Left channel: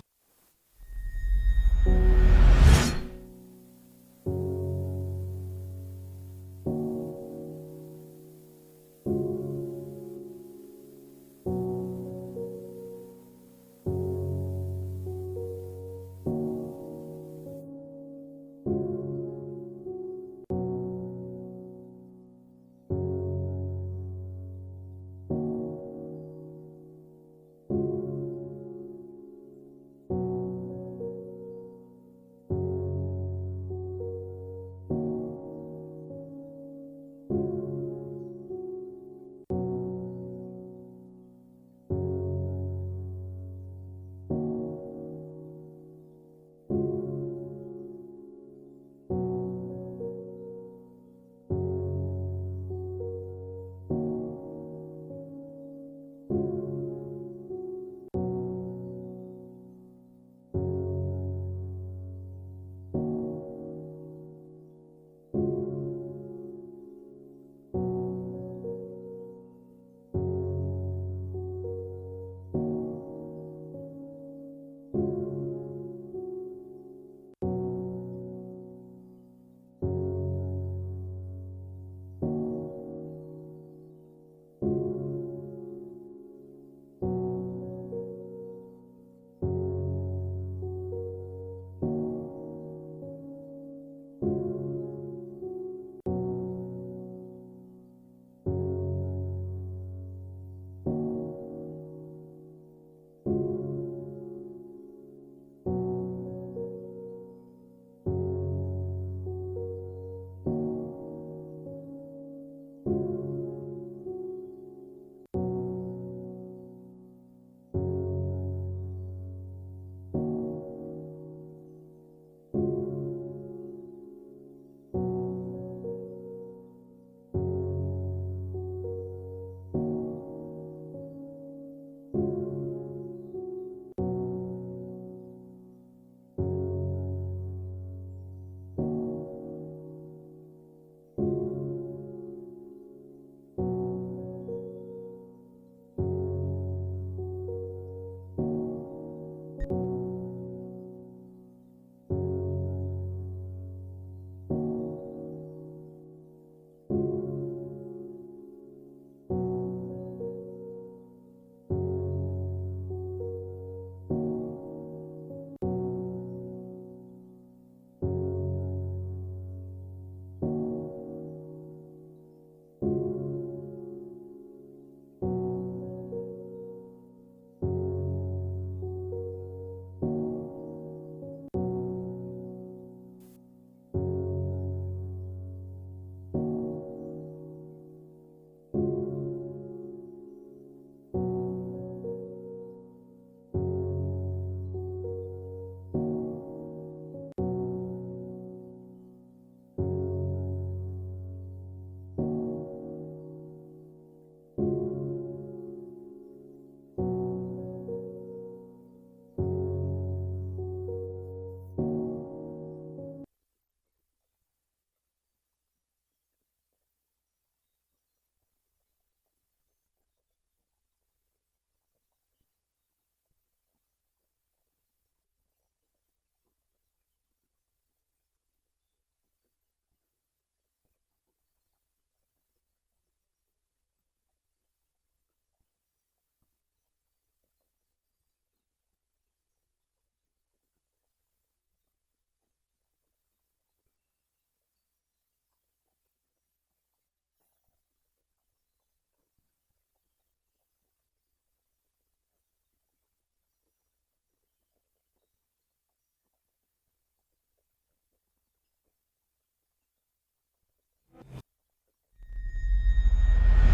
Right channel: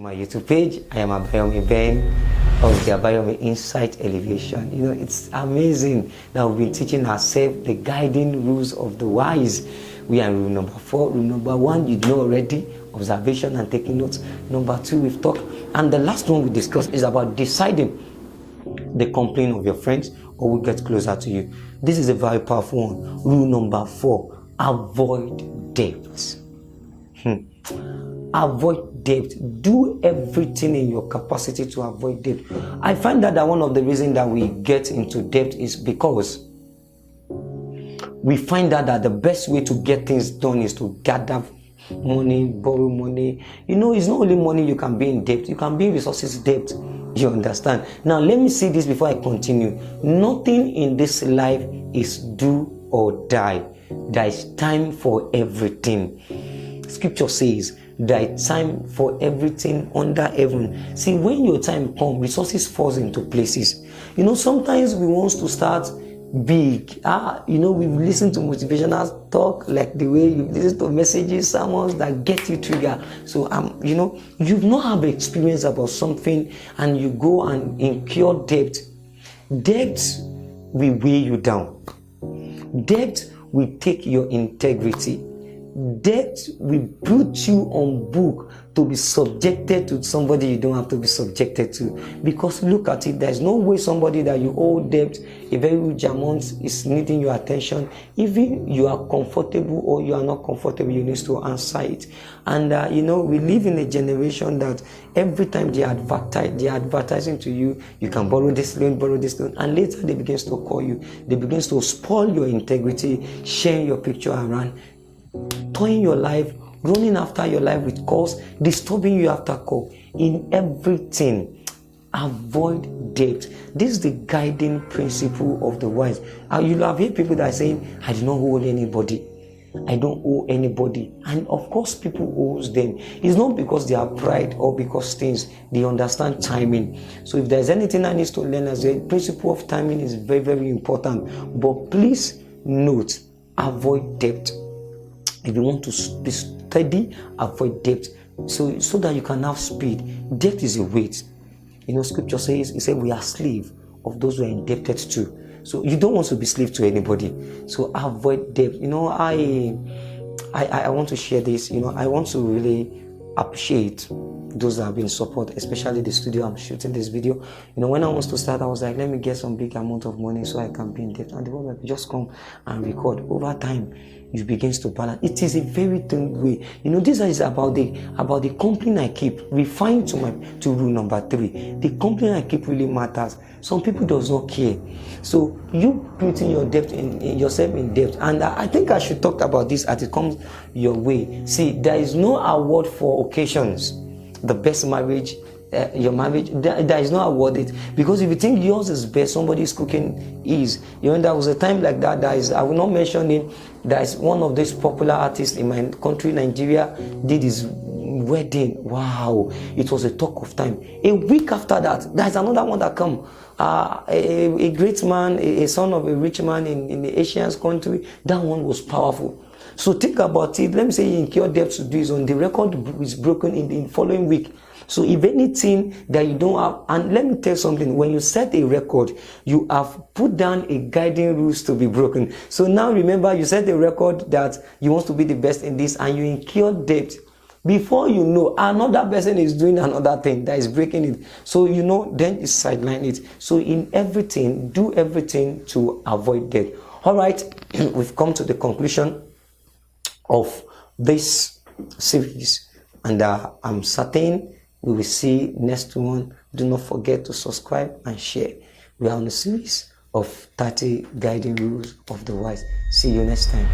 my YouTube page. I am Abayomi Ben of the Abayomi Insight Elevation. You know, it's amazing that we've been teaching ourselves the guiding rules of the wise. We are in rule number 4. Rule number 1, you know already, observation and taking notes. Number 2, we've talked. And the last one we discussed is about deciding the complaint of your friends or will get closer to you. This is a very powerful one. Rule number 4, avoid debt. Avoid debt. Do everything in your capacity to avoid debt. I find that one of the reasons that we get into debt is because we find out that the best way to get things done is to gather money, borrow money. You know, it's not only money you can be in debt, you can be in resources debt. You understand? Now, let me say this before I continue. Nothing in this life is do or die. There is time for everything. Scripture says there is time for everything under heaven. See, when your time comes, resources falls into places. You know, sometimes we want to start big. You know, we've listened to motivational talk, like the way you listen to messages, sermons that get you triggered. So, you know, you've not have experience about something and you go and incur debt. Debt will weigh you down. Debt will take your integrity. Debt will put you on book to be subjected to somebody you don't have to be subjected to. Because look at it, there's no way somebody that you owe debt a very huge amount is needing your attention. Even you are comfortable or you are not comfortable, you need to answer it. And you know, we live in a generation that every time they are advertising to you, you can borrow this loan, and later they begin to call you. They begin to spoil your integrity, sharing your picture around, toying your life, running after your life with calls, disturbing you after call. In everything, avoid debt. This is the guiding principle of the wise. You'll have heard people that are saying, I do not owe anybody. I don't owe anybody. And of course, people owe them. It's not because they are pride or because things, they understand timing. So if there's anything I need to learn as a principle of timing is very, very important. But please note, avoid debt. If you want to be steady, avoid debt so that you can have speed. Debt is a weight. You know, scripture says, it says we are slave of those who are indebted to. So you don't want to be slave to anybody. So avoid debt. You know, I want to share this. You know, I want to really appreciate those that have been support, especially the studio I'm shooting this video. You know, when I was to start, I was like, let me get some big amount of money so I can be in debt. And the moment just come and record. Over time, it begins to balance. It is a very thin way. You know, this is about the company I keep. Refined to rule number 3. The company I keep really matters. Some people does not care. So you putting your debt in yourself in debt. And I think I should talk about this as it comes your way. See, there is no award for occasions. The best marriage, your marriage, there is no awarded. Because if you think yours is best, somebody's cooking is. You know, there was a time like that. I will not mention it. There is one of these popular artists in my country, Nigeria, did his wedding. Wow, it was a talk of time. A week after that, there's another one that come. A great man, a son of a rich man in the Asian country. That one was powerful. So think about it. Let me say you incur debt to do is on the record is broken in the following week. So if anything that you don't have, and let me tell you something, when you set a record, you have put down a guiding rules to be broken. So now remember, you set a record that you want to be the best in this and you incur debt. Before you know, another person is doing another thing that is breaking it. So you know, then you sideline it. So in everything, do everything to avoid debt. All right, we've come to the conclusion of this series, and I'm certain we will see next one. Do not forget to subscribe and share. We are on a series of 30 guiding rules of the wise. See you next time.